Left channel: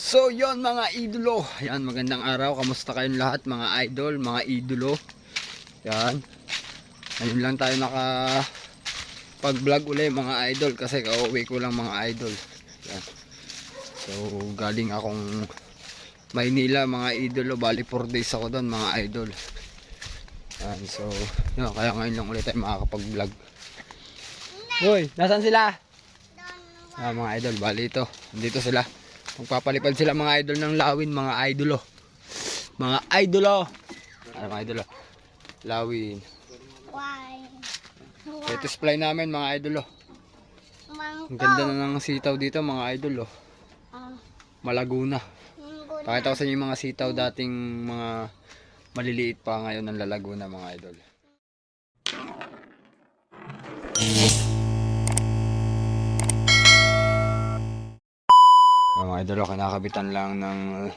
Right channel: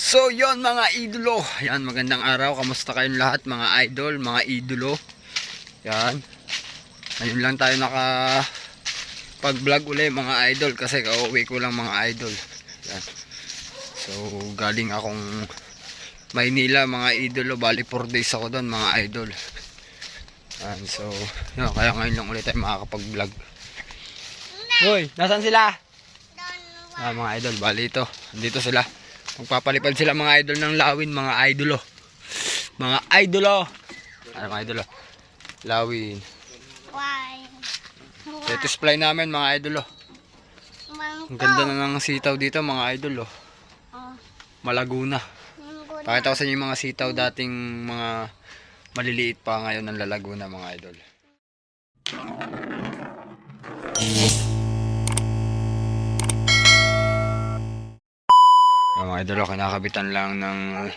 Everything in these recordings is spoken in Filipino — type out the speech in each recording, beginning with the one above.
So yon mga idolo, yan magandang araw, kamusta kayong lahat mga idol, mga idolo. Yan, ngayon lang tayo naka pag vlog uli mga idol kasi kauwi ko lang mga idol. Yan. So galing akong Maynila mga idolo, bali 4 days ako doon mga idol. Yan, so yun, kaya ngayon lang ulit tayo makakapag vlog. Hoy, nasaan sila? Mga idol, bali ito, dito sila. Magpapalipad sila mga idol ng lawin mga idolo. Mga idolo. Ano mga idolo? Lawin. Let's fly namin mga idolo. Ang ganda na ng sitaw dito mga idolo. Malaguna. Pakita ko sa inyo yung mga sitaw dating mga maliliit pa, ngayon ng lalaguna mga idol. Mga idol, kinakabitan lang ng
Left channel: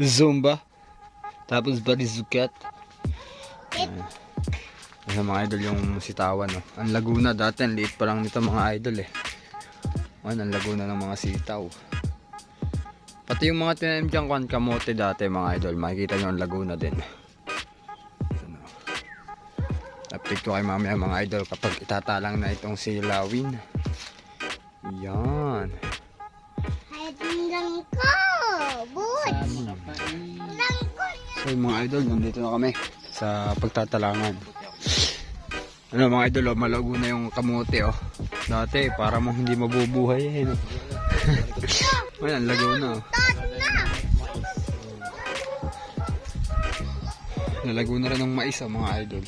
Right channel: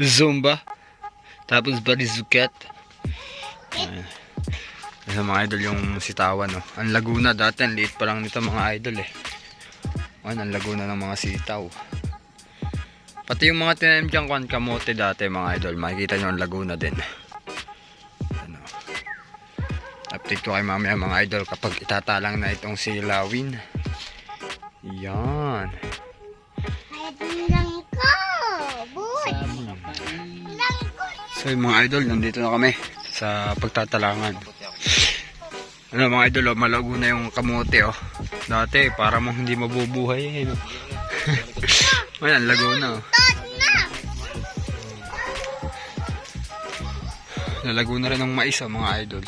Zumba. Tapos barizuket. Ayan mga idol yung sitawan. No? Ang Laguna dati, ang liit pa lang nito mga idol eh. Ayan, ang Laguna ng mga sitaw. Pati yung mga tinanim dyan kuhan kamote dati mga idol. Makikita nyo ang Laguna din. Ano. Update ko kayo mamaya mga idol kapag itatalang na itong silawin. Yan. So yung mga idol, nandito na kami sa pagtatalangan. Ano mga idol, malago na yung kamote oh. Dati para mong hindi mabubuhay eh. No? Ayan, lago na oh. Nalago na rin ng mais oh, mga idol.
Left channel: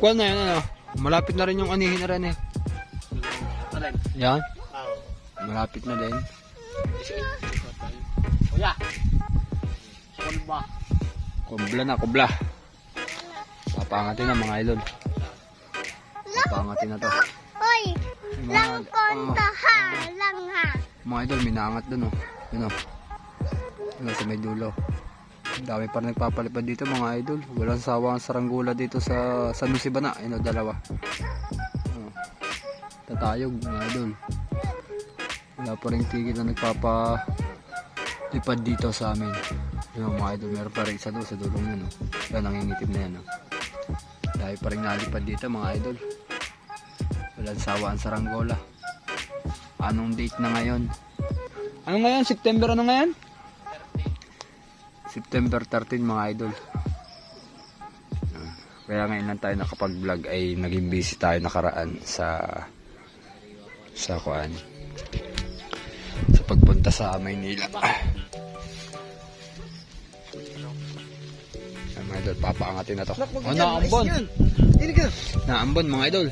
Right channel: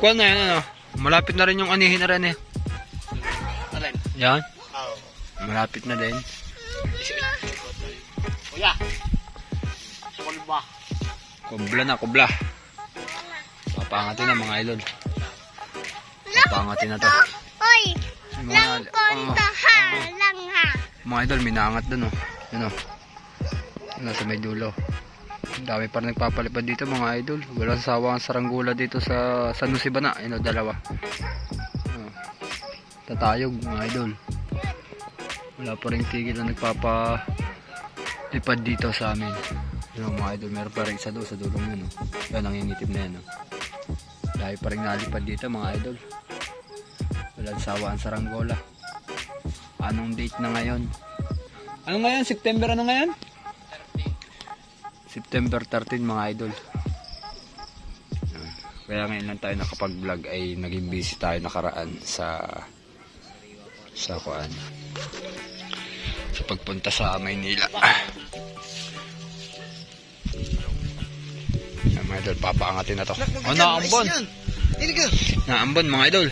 Kuha na yan ano. Malapit na rin yung anihin na rin eh. Yan. Malapit na din. Kubla na, kubla. Papangatin na mga idol. Papangatin na to. Hoy, lang konta ha, lang ha. Mga idol, minaangat dun oh. Yun oh. Yun sa may dulo. Dami pa rin nagpapalipad dito mga idol. Walang sawa ang saranggula dito sa San Jose Bana. Yun oh, dalawa. Tatayog mga idol. Wala pa rin tigil na nagpapalipad dito sa amin. Yun mga idol, meron pa rin isa doon sa dulong yun. Oh. Yan, nangingitim na yan. Oh. Dahil pa rin nalipad dito mga idol. Walang sawa ang saranggola. Anong date na ngayon? Ano ngayon? September ano ngayon? September 13 mga idol. Kaya ngayon lang tayo nakapag-vlog ay naging busy tayo nakaraan sa kuan. Sa pagpunta sa Maynila. Mga idol, papaangatin na to. Oh, naambon. Naambon mga idol.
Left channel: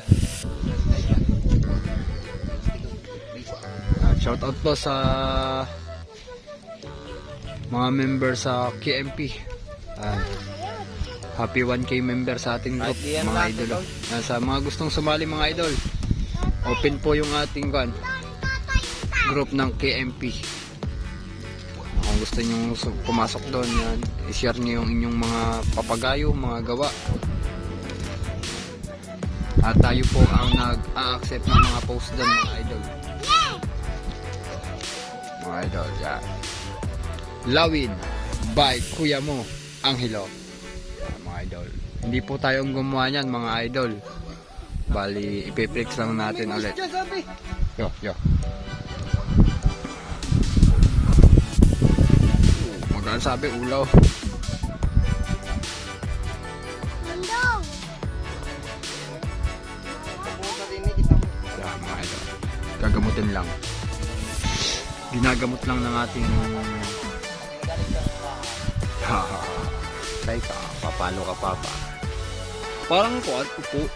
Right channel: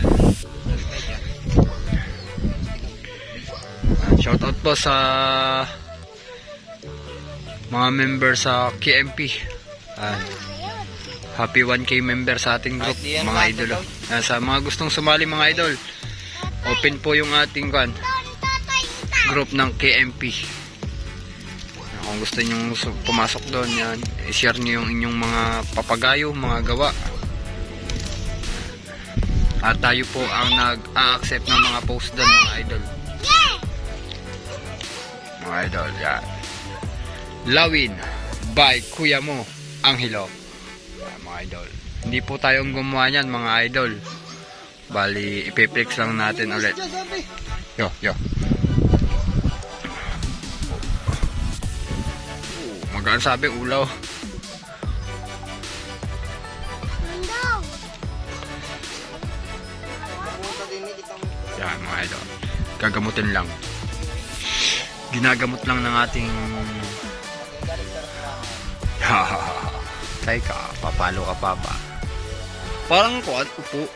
Shout out po sa mga member sa KMP. Happy 1K member sa ating group mga idol. Sa mga gustong sumali mga idol, open po yung ating group ng KMP. Kung gusto nyo pumasok doon, yan, i-share nyo yung inyong mga papagayo, mga gawa. At tayo po ang nag-a-accept ng mga post doon mga idol. Mga idol, yan. Lawin by Kuya Mo Anghelo. Yan, mga idol. Hindi po tayong gumawa niyan mga idol. Bali, ipiplex lang natin ulit. Yo. Magkano sabi ulaw? Yan mga idol. Gagamutin lang. Ginagamot lang ng ating Tay ka, papalo ka papa. Parang kuan, upo.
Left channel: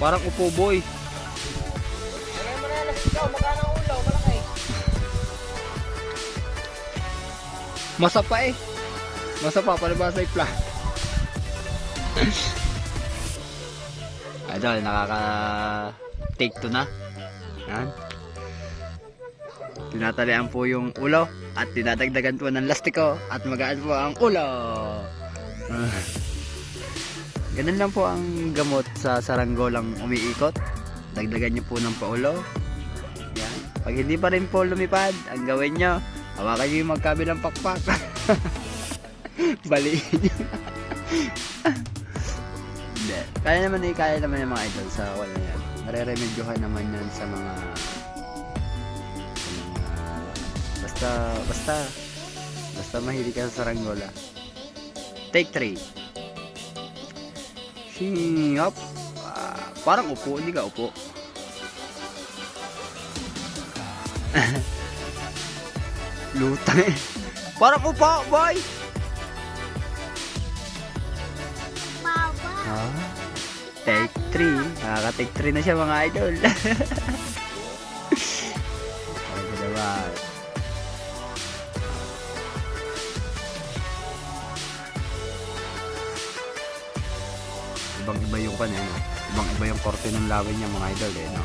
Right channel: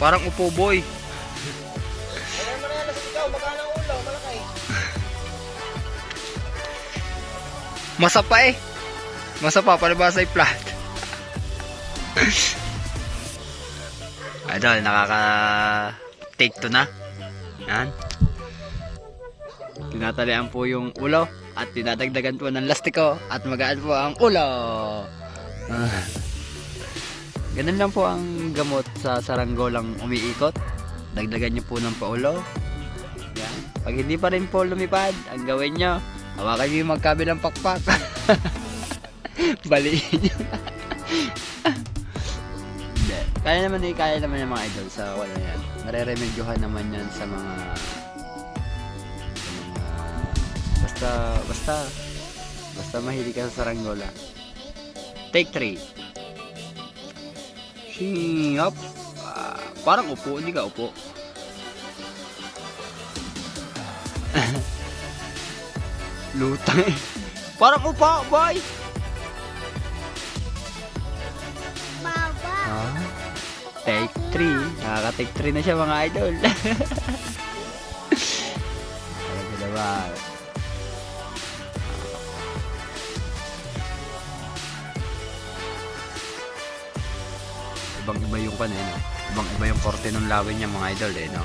Parang upo boy. Masapa eh. Masapa, palibasa ay flat. Idol, nakaka-take to na. Yan. Tinatalian po yung ulo at tinadagdagan po ng lastiko at magaan po ang ulo. Ganun lang po ang gamot sa saranggolang umiikot. Dagdagan nyo po ng paulo Yan. Pag hindi pa rin po lumipad, ang gawin nyo, hawakan nyo yung magkabilang pakpak. Baliin nyo. Hindi. Kaya naman yung mga idol sa wala yan. Mareremedyohan naman yan sa mga basta mahilig ka sa saranggola. Take 3. Shing up. Parang upo, hindi ka upo. Lutang eh. Parang upo, boy. Baba. Take 3. Nakaka-take 3 na siya mga idol. Talaga naman. Ibang-iba yung no? Ibang-iba yung korte ng lawin niya mga idol no?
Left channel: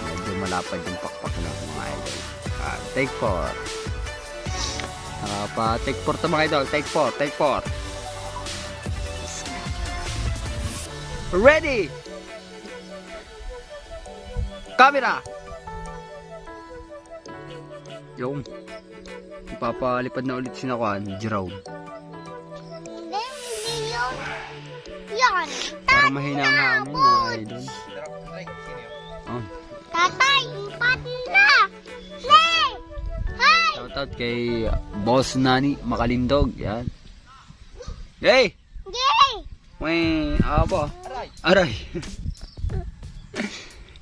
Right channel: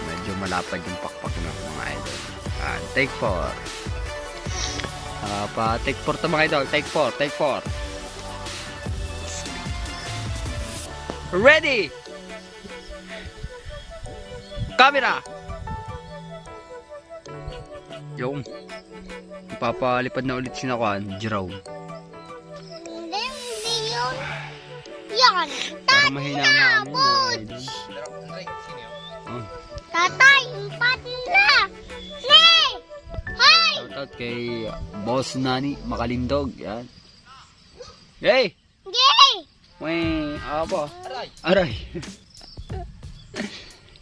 Medyo malapad yung pakpak no mga idol. Take 4. Take 4 to mga idol. Take 4. Ready! Camera! Yung ipapalipad na ulit sinakuan, Jerome. Hindi yun. Yan. Para mahina ang hangin mga idol. Oh. Tatay, pati na. Nay! Hi! Shoutout kay Boss Nani Makalindog. Yan. Hey! Yay! May apa? Aray.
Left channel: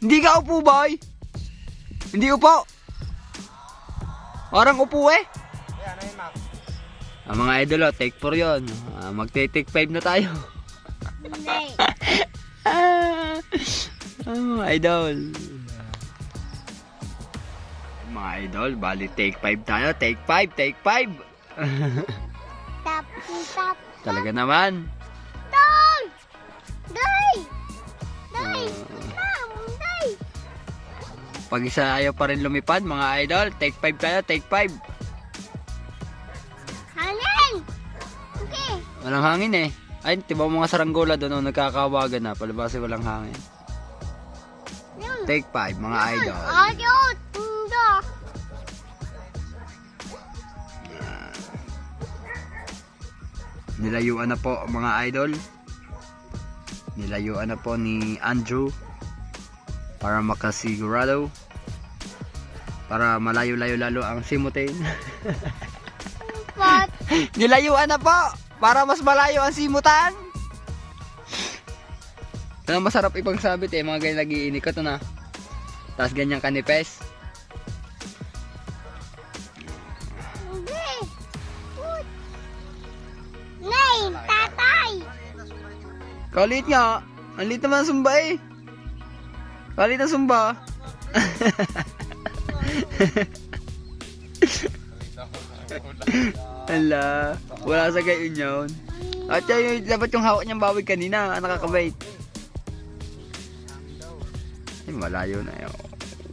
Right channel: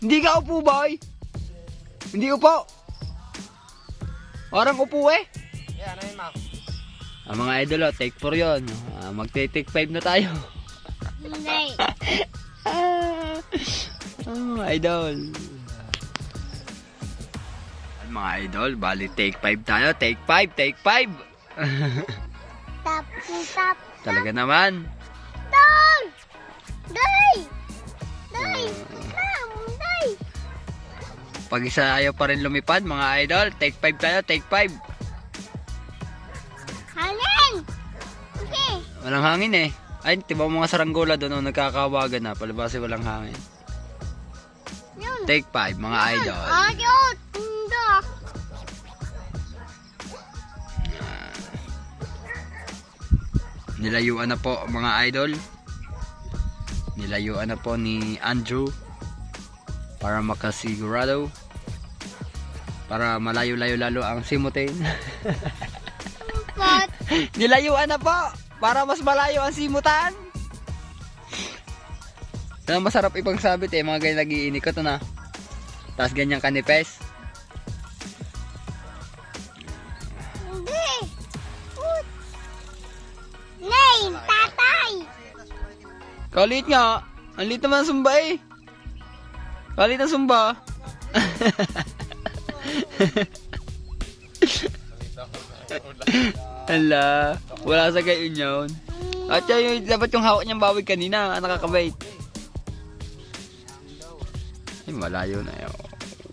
Hindi ka upo, boy. Hindi upo. Parang upo eh. Mga idol, take 4 yun. Magte-take 5 na tayo. Nay. Mga idol. Mga idol, bali take 5 tayo. Take 5. Tap, tap. Talaga naman. Down! Day! Day! Day! Pag isa ayaw pa rin lumipad, mga idol, take 5 tayo. Take 5. Hangin! Okay. Walang hangin eh. Ay, diba mga saranggola doon nagkakawagan na. Palabasi walang hangin. Yun. Take 5, mga idol. Ayun! Hindi. Nilayuan na po mga idol. Nilayuan na po ni Andrew para makasigurado, para malayo-layo lalo ang simutin. Pat. Nilayuan na po para mas malayo ang simutan. Kaya masarap ipang sabit eh, mga ganyan nag-iinikot na. Tapos ganyang kanipes. Hindi. Nay, tatay. Kalit nga. Ang lit naman ang sumba eh. Kalit ang sumba. Hala. Wala sa gayon yun. At yung dapat yung hawak niyang bawig kanina. Nakakabait. Ay, malayo na yun.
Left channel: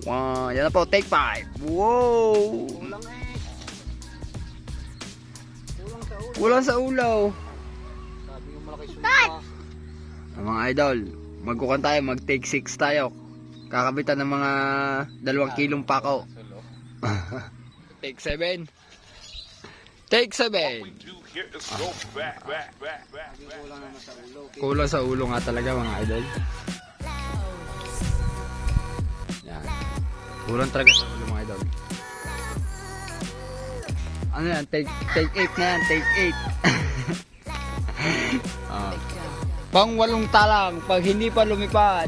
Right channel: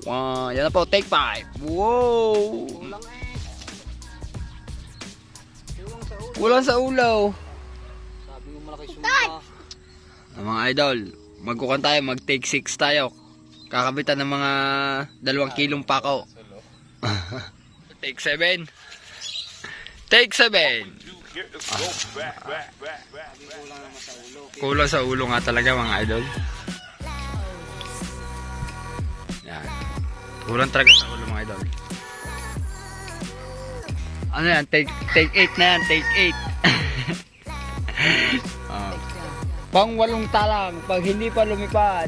Wow. Yan na po. Take 5. Wow. Kulang sa ulaw. Cut. Mga idol, magkukan tayo, mag take 6 tayo. Kakabitan ng mga 2 kilong pako. Take 7. Take 7. Kulang sa ulo nga talaga mga idol. Yan. Kulang talaga sa ulo mga idol. Ano yan? Take 8 na yan. Take 8. Pang 8 talang pag hindi pa lumipad.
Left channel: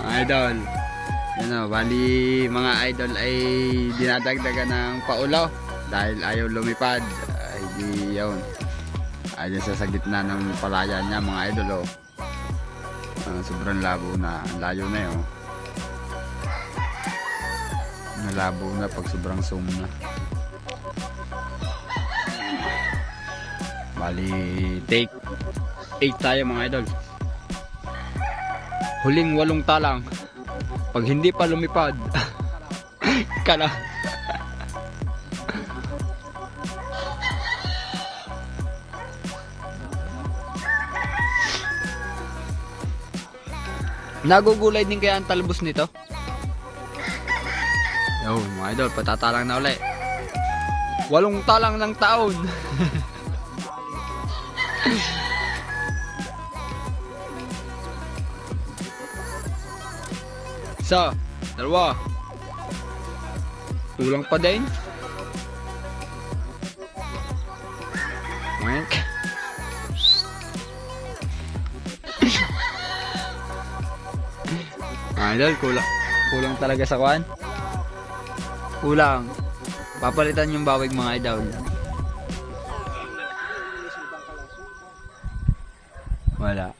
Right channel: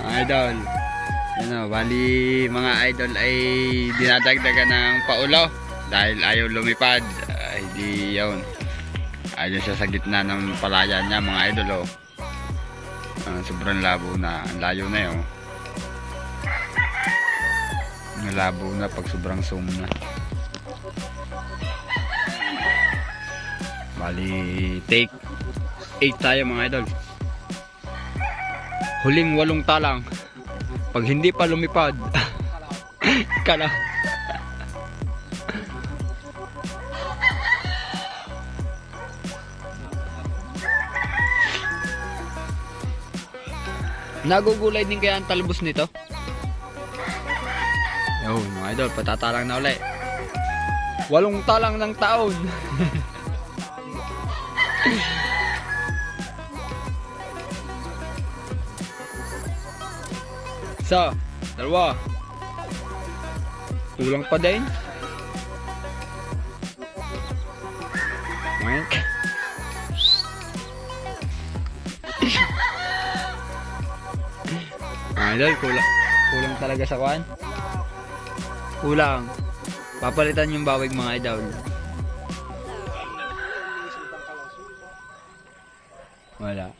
Idol. Ano, bali mga idol ay dinadagdagan ng paulo dahil ayaw lumipad. Hindi yun. Ayun siya sa gitna ng palayan niya mga idol. Sobrang labo na. Ang layo na yun. Nalabo na pag sobrang zoom na. Bali, take 8 tayo mga idol. Huling 8 talang. Pag hindi pa lumipad, kala. Nagugulay din kaya ang talbos nito? Yun, mga idol, patatalang na ulit. 8 talang ng taon. Isa, dalawa. Kulang pa din. Wink. Idol, kulang talaga sa kwan. Kulang. Papalitan yung bawig mga idol. Wala.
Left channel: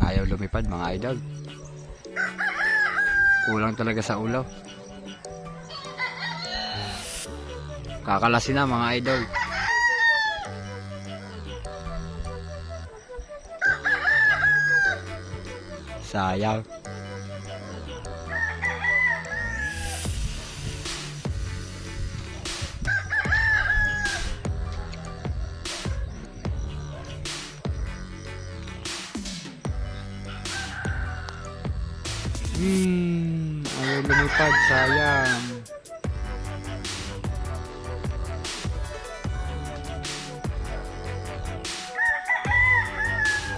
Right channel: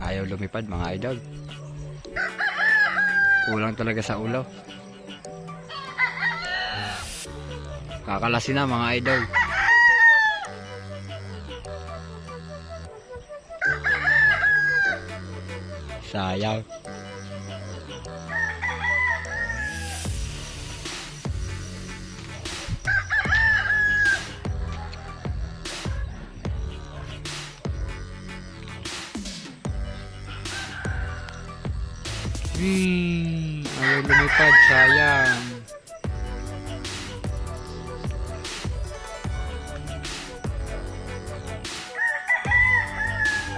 Ayaw lumipad mga idol. Kulang talaga sa ulo. Kakalasin na mga idol. Sayang. Ayaw lumipad, sayang.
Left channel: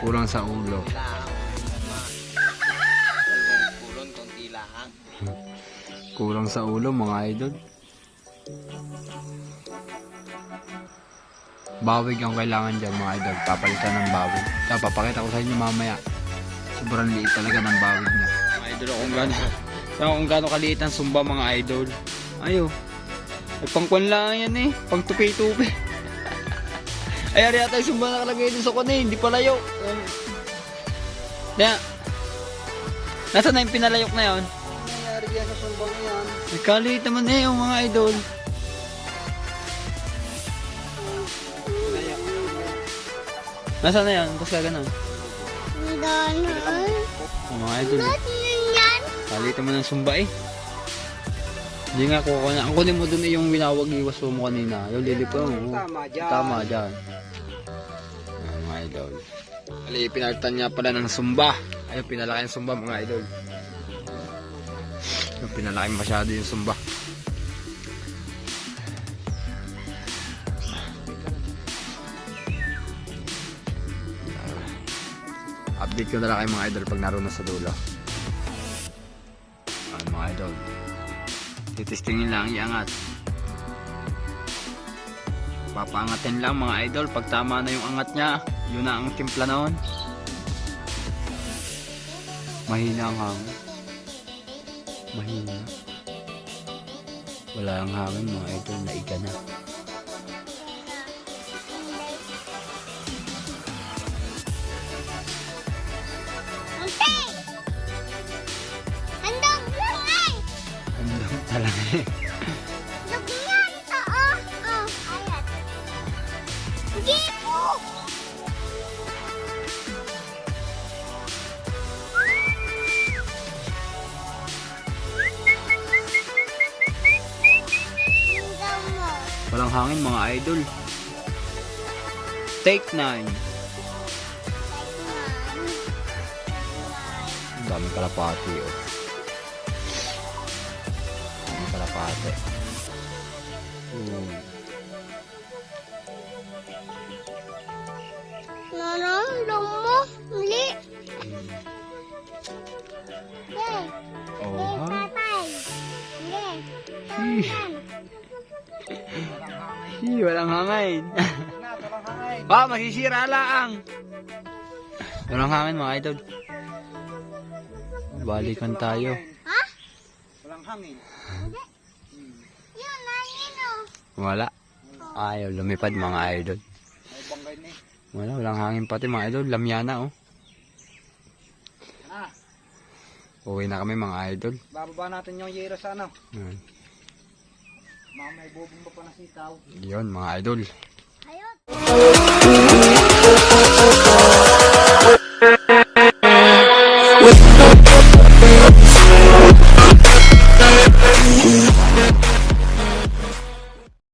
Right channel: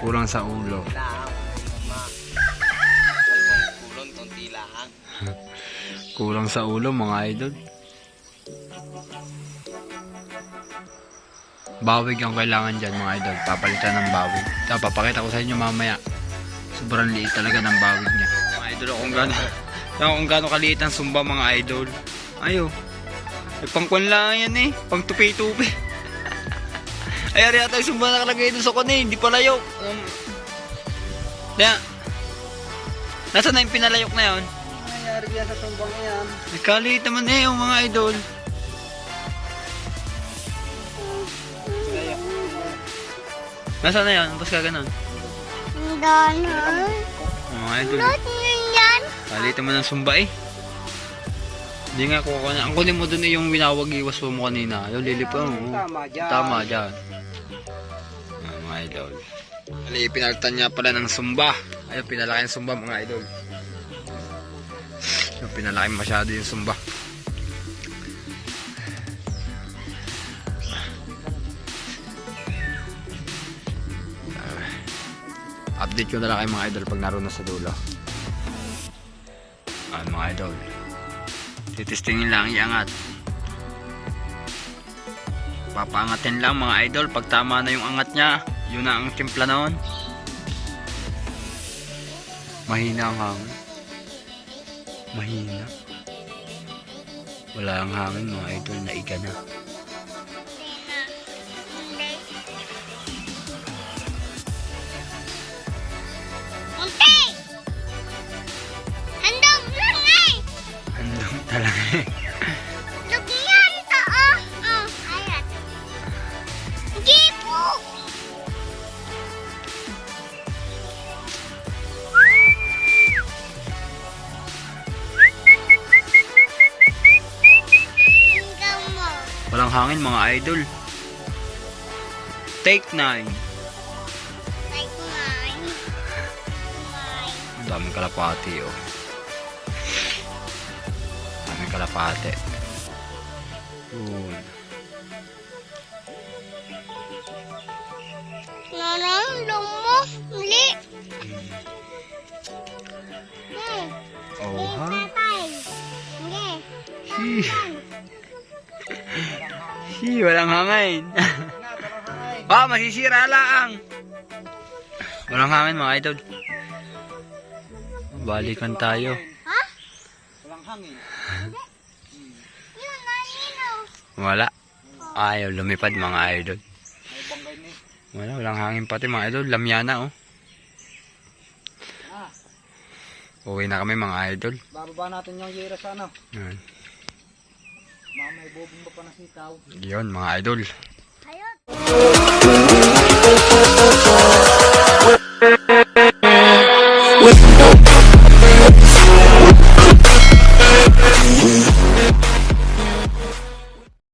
Kulang sa ulo. Kulang sa ulo mga idol. Bawig ang kailangan dyan mga idol. Papalitan ng bawig. Ito, papakita ko sa inyo mamaya. Sobrang liit talaga ng bawig niya. Mga idol, kung gaano kaliit ang sumba mga idol. Ayo. Ay, pangkwan lang yan eh. Pang tupi-tupi. Ay, ari ata yung sumba nakalagay doon sa kwan eh. Hindi palayok. Kaya, nasaan na yung pinalayok na yun? Nangyari yan sa sumbang yan. May kaliit naman eh yung mga idol. Nasaan na yun? Tapos ka ganun. Danan. Mga idol. Yan. Kaliit naman ng sumba eh. Hindi nga kuha na. Ang kunin mo dun eh yung winawag iwas mo kanina. Yung lilipon mo. Tama dyan. Tama dyan. Ayan, mga idol. Ali, pinalitan niya pala ng sumba. Ayun, pinalaki yung sumba mga idol. Yung pinalaki masyado yung sumba. Update ko na lang kayo mga idol pag naroon na sa dulo. Ayan mga idol. Titistingin lang iangat. Papaangatin lang mga idol. Pag tama na yung angat niya, yun na ang timpla noon. Mahina ang hangin. Mahina. Wala ang hangin mga idol, naiga na. Ante! Handog lang eh! Andang talaga eh. Lugyan ito oh. Oh, ayat. Hindi po! Hanggang mo. Walang hangin mga idol. Take 9. Like mine. Ang daming kalapati oh. Daming kalapati. Nanang lumo. Muli. Oh ha? Tatay. Hindi. Walang hangin. Masisira lang. Walang hangin mga idol. Balikan tayo. Ha? Walang hangin. Yun, nanino. Wala. Ayaw lumipad mga idol. May banggay na eh. Walang hangin pati mga idol. Lamyana oh. Ah, Uwi na kami mga idol. bababa natin yung yero sa ano. Yan. Mamay bubong pa na sitaw. Yun mga idol.